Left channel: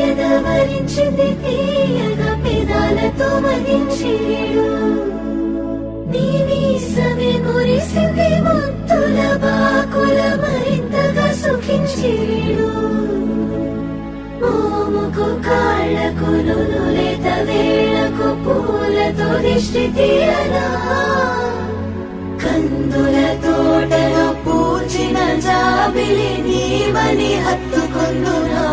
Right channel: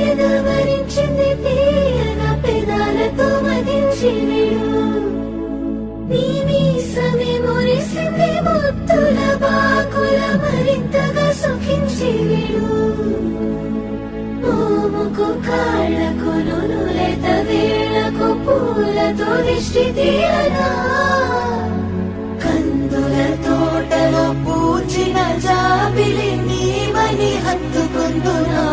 ఎదవరించింది తీయగా పెదాలతో మదించిడు నీ మీసమే మురిసింది ముద్దుల బాకుల మరింతగా సుఖించిడు మోముకు కాళ్లకు నునులేత వేళ్లకు పూలతో దిష్టి తీయగా కందుల తోటలో పూచిన జాబిలి నీవని హత్తుకుందునా